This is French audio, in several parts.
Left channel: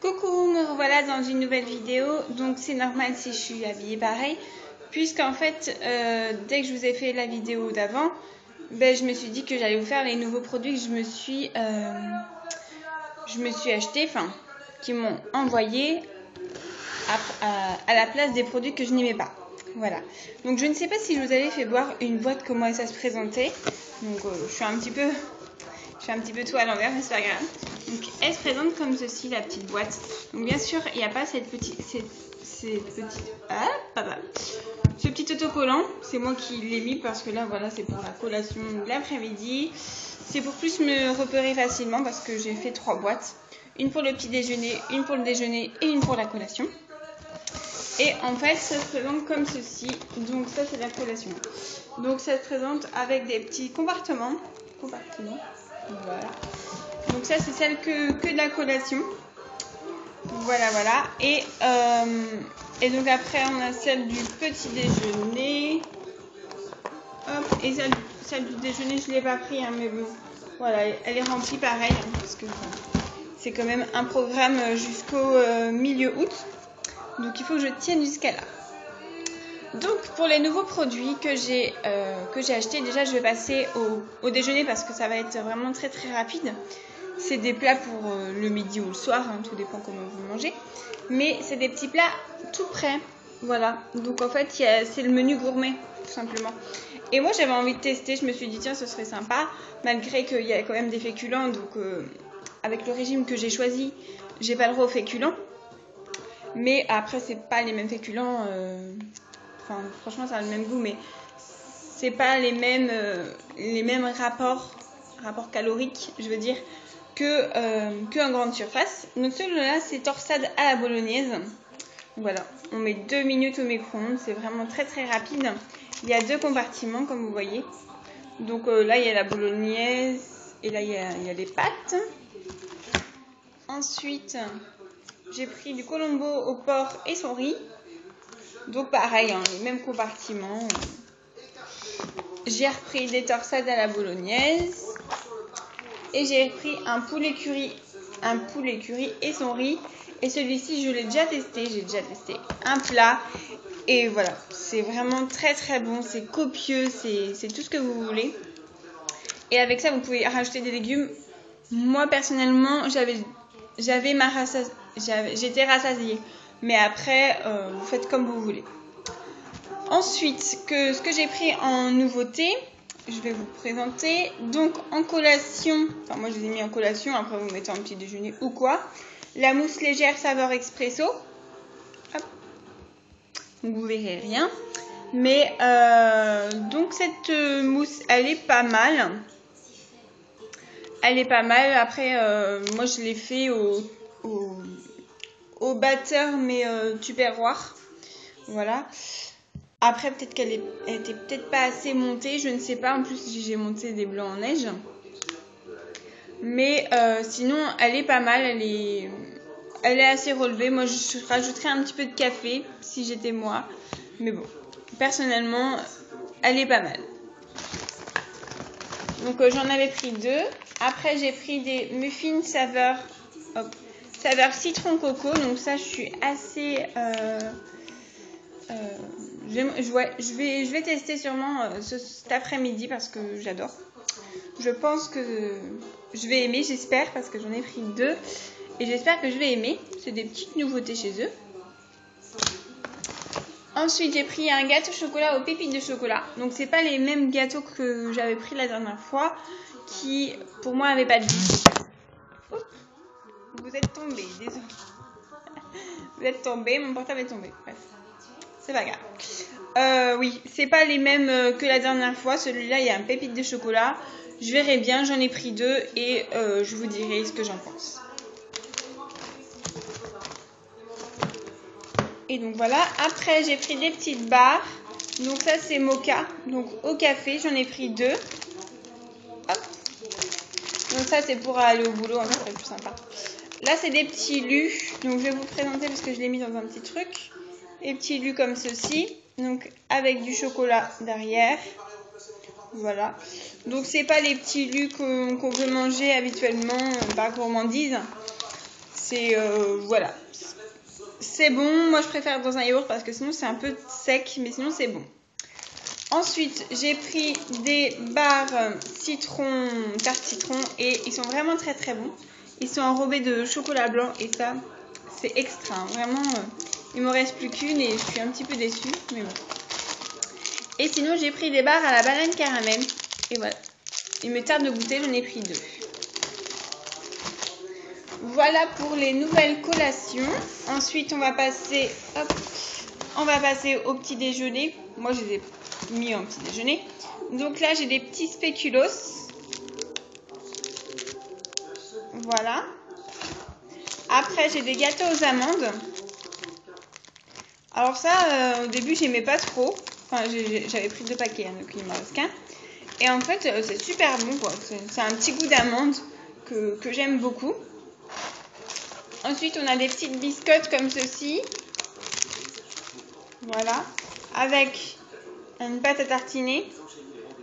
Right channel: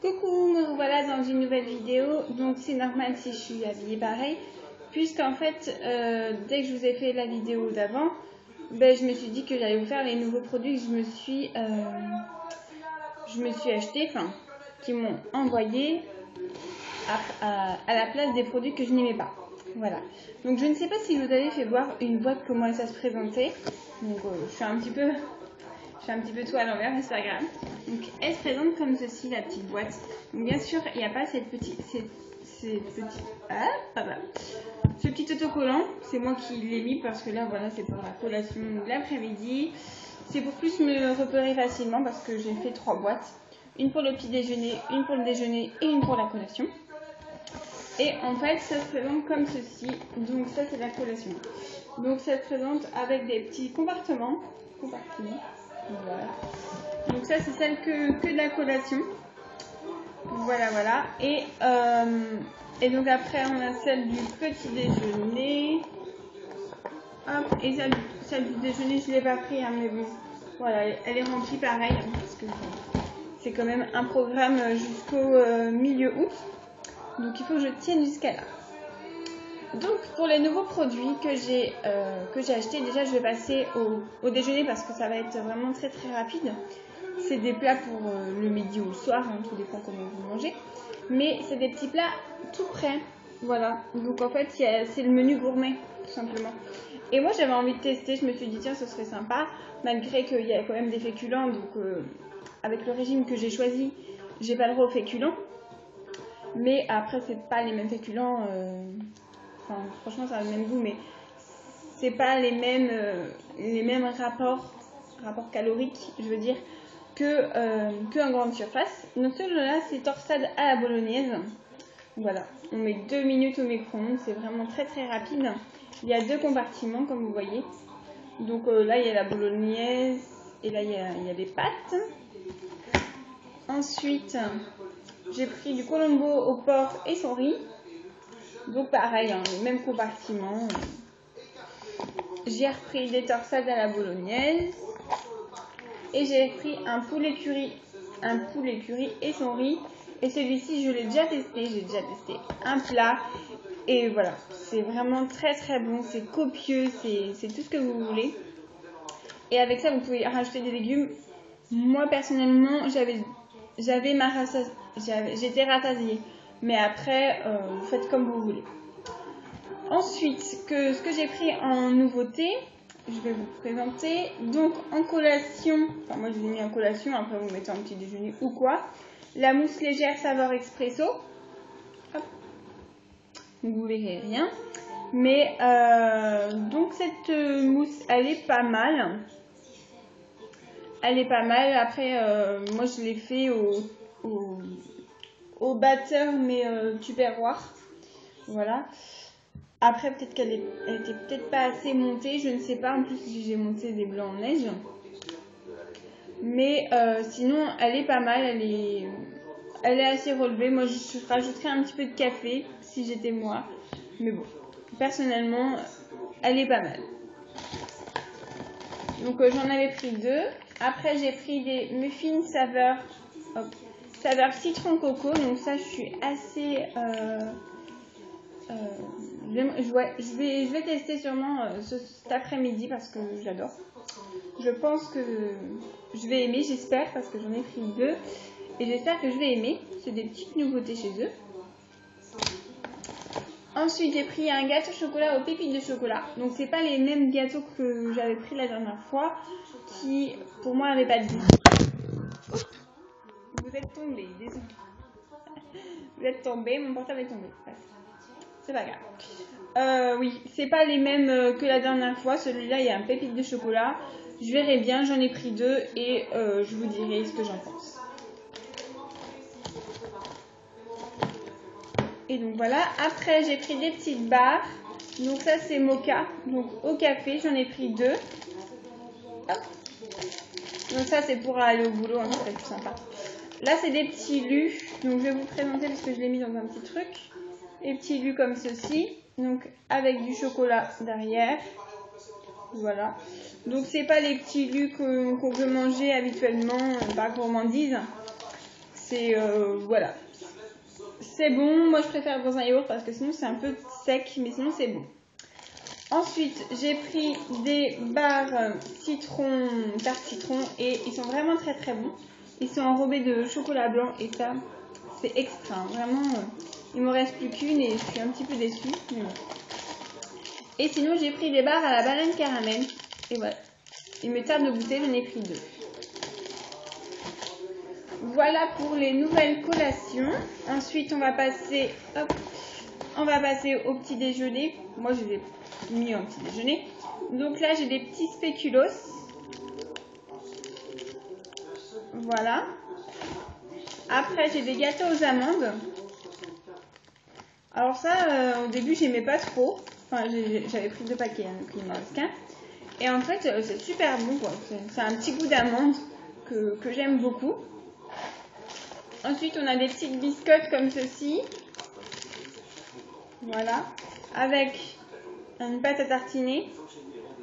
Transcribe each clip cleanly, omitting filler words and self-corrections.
Coucou, me revoilà dans une nouvelle vidéo. Donc c'est normal si je suis habillée pareil, puisqu'en fait dès que je vous ai fait la vidéo d'avant, je me suis dit que j'allais vous faire les nouveaux produits que je me suis acheté, enfin qui m'ont envoyé à la place des produits que je n'aimais pas. Voilà. Donc je ne sais pas si je vous avais fait voir une boîte comment ça se présentait. Donc je suis un petit peu tout à l'envers, mais c'est pas grave. Donc elle se présente comme ceci, la petite boîte. Donc bien sûr, il n'y a pas ce petit autocollant. C'est moi qui l'ai mis parce que là, voilà, c'est pour la collation de l'après-midi. C'est pour plus me repérer facilement parce que j'ai fait 3 boîtes. Une pour le petit déjeuner, une pour le déjeuner et une pour la collation. Et en fait, ça se présente comme ceci. Donc ça, c'est la collation. Donc ça se présente avec des petits compartiments. Voilà. Donc ça, c'est celle que de la collation. Voilà. Et donc après, on a celle du petit déjeuner. Hop. Et celle du déjeuner, je ne l'ai pas pris, hein, mais bon. Voilà, elle est remplie pareil, hein, parce que c'est quand même un programme jusqu'au milieu août. Donc il faut que je tienne jusqu'à là. Donc pour les nouveaux produits que j'ai achetés, déjà je vais passer au déjeuner parce que ça va être vraiment très très rapide. C'est des plats pour le midi ou le soir, hein, tout dépend comment vous mangez. Mais c'est des petits plats tout prêts. Voilà, donc en fait c'est le menu gourmet tout simplement. Et moi j'avais envie de tester, je me suis dit tiens ce serait sympa, malgré qu'il y a quand même des féculents. Donc avec le régime que j'ai choisi, j'ai pas le droit aux féculents. Mais après c'est pas les mêmes féculents, enfin franchement ça a le même goût, mais c'est pas les mêmes rapports caloriques, je veux dire, qu'en grande surface. Donc celui-là c'est torsade à la bolognaise. Voilà, on met 2 minutes au micro-ondes, c'est vraiment très très rapide. Il y a 2 compartiments comme vous voyez. Donc là il y a la bolognaise et là il y a les pâtes. Ensuite j'ai pris du colombo au porc et son riz. Donc pareil, hein, les mêmes compartiments. J'ai repris des torsades à la bolognaise. Et j'ai repris un poulet curry et son riz. Et celui-ci, je l'ai déjà testé. J'ai déjà testé un plat. Et voilà, c'est vraiment très très bon. C'est copieux, c'est tout ce que vous voulez. Et avec ça, vous pouvez rajouter des légumes. Moi, personnellement, j'étais rassasiée. Mais après, vous faites comme vous voulez. Ensuite, ce que j'ai pris en nouveauté, je vais vous présenter. Donc en collation, enfin moi je les ai mis en collation, après vous mettez en petit déjeuner ou quoi. La mousse légère saveur expresso. Hop. Donc vous verrez rien. Mais donc cette mousse, elle est pas mal. Après, moi je l'ai fait au batteur, mais tupperware. Voilà. Après, peut-être qu'elle était peut-être pas assez montée, je ne sais pas. En plus, j'ai monté des blancs en neige. Mais sinon, elle est pas mal. Elle est assez relevée. Moi, je rajouterais un petit peu de café si j'étais moi. Mais bon, personnellement, elle est pas mal. Donc, j'en avais pris 2. Après, j'ai pris des muffins saveur citron coco. Donc ça, je suis assez... je vais tester sûrement cet après-midi parce que j'adore. Je pense que je vais aimer, j'espère, parce que j'en ai pris 2 et j'espère que je vais aimer. C'est des petites nouveautés chez eux. Ensuite, j'ai pris un gâteau chocolat aux pépites de chocolat. Donc c'est pas les mêmes gâteaux que j'avais pris la dernière fois, qui pour moi n'avaient pas de goût. Vous êtes tombé, désolé. Vous êtes tombé, mon portable est tombé. Bref. C'est pas grave. Oui, c'est pas les mêmes que la dernière fois. Celui-là, il y a un pépite de chocolat. Je verrai bien, j'en ai pris 2 et je vous dirai ce que j'en pense. Et donc voilà. Après, j'ai pris des petites barres. Donc ça, c'est mocha. Donc au café, j'en ai pris 2. Hop. Donc ça, c'est pour aller au boulot. En fait, c'est plus sympa. Là, c'est des petits lus. Donc je vais vous présenter parce que je l'ai mis dans un petit truc. Des petits lus comme ceci, donc avec du chocolat derrière. Voilà. Donc c'est pas les petits lus qu'on veut manger habituellement par gourmandise. C'est voilà, c'est bon. Moi je préfère dans un yaourt parce que sinon c'est un peu sec, mais sinon c'est bon. Ensuite j'ai pris des barres citron, tarte citron, et ils sont vraiment très très bons. Ils sont enrobés de chocolat blanc et ça c'est extra, hein. Vraiment il me reste plus qu'une et je suis un petit peu déçue, mais bon. Et sinon j'ai pris des barres à la banane caramel et voilà, il me tarde de goûter, j'en ai pris 2. Voilà pour les nouvelles collations. Ensuite, on va passer au petit déjeuner. Moi, je les ai mis en petit déjeuner. Donc là, j'ai des petits spéculoos. Voilà. Après, j'ai des gâteaux aux amandes. Alors ça, au début, j'aimais pas trop. Enfin, j'avais pris 2 paquets, hein, donc il me reste qu'un. Et en fait, c'est super bon, quoi. C'est un petit goût d'amande que j'aime beaucoup. Ensuite, on a des petites biscottes comme ceci. Voilà. Avec une pâte à tartiner.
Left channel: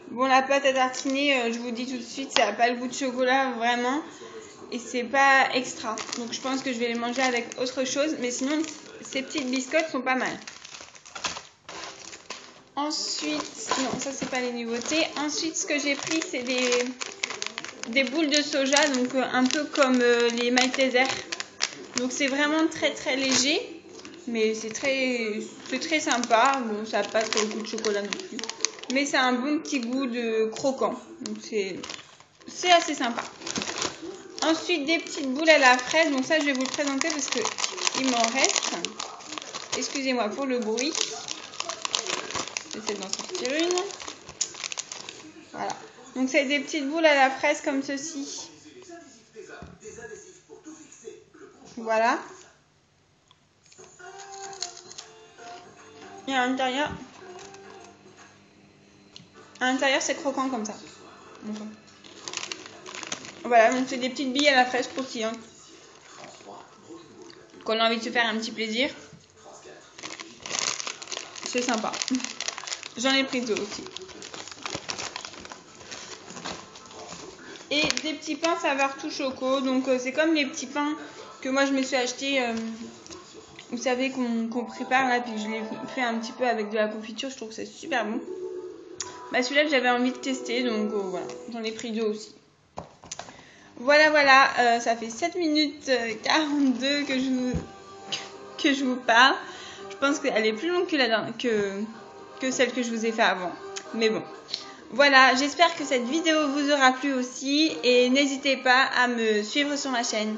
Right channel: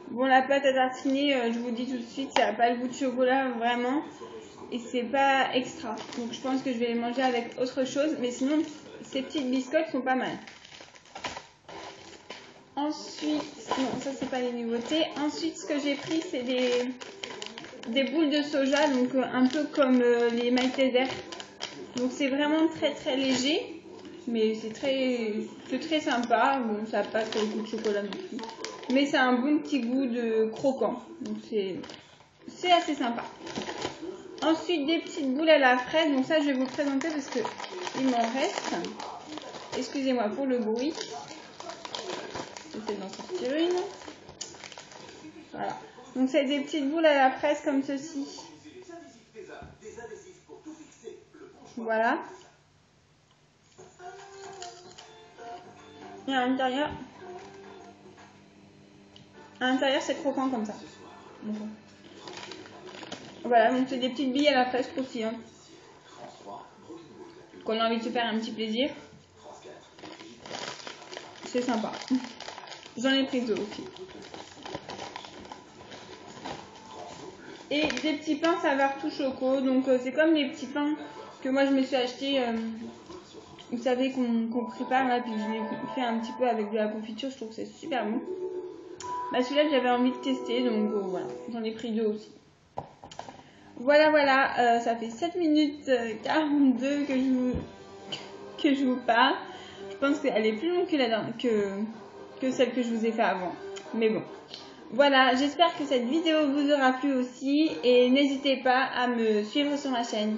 Bon, la pâte à tartiner, je vous dis tout de suite, ça n'a pas le goût de chocolat, vraiment. Et c'est pas extra. Donc, je pense que je vais les manger avec autre chose. Mais sinon, ces petites biscottes sont pas mal. Ensuite, non, ça, c'est pas les nouveautés. Ensuite, ce que j'ai pris, c'est des boules de soja. Donc, un peu comme les Maltesers. Donc c'est vraiment très très léger, mais c'est très sympa. Bon, ça n'a pas trop le goût de chocolat non plus, mais c'est un bon petit goût de croquant, donc c'est assez sympa. Ensuite des petites boules à la fraise, donc ça je vais vous le présenter parce que il m'en reste. Excusez-moi pour le bruit, j'essaie d'en sortir une. Voilà, donc c'est des petites boules à la fraise comme ceci. Voilà. Et à l'intérieur c'est croquant comme ça. Voilà, donc c'est des petites billes à la fraise croustillantes. Qu'on a envie de se faire un petit plaisir. C'est sympa. J'en ai pris 2 aussi. Et des petits pains saveur tout choco. Donc c'est comme les petits pains que moi je me suis acheté. Vous savez qu'on prépare là, puis je l'ai fait un petit peu avec de la confiture. Je trouve que c'est super bon. Bah, celui-là que j'avais envie de tester, donc voilà, j'en ai pris 2 aussi. Voilà, ça fait 7 minutes 42 que je vous parle. Je pense qu'elle est plus longue que celle que je vous ai fait avant. Mais bon, voilà, j'espère que cette vidéo vous aura plu aussi. Et n'hésitez pas à me suivre sur ma chaîne.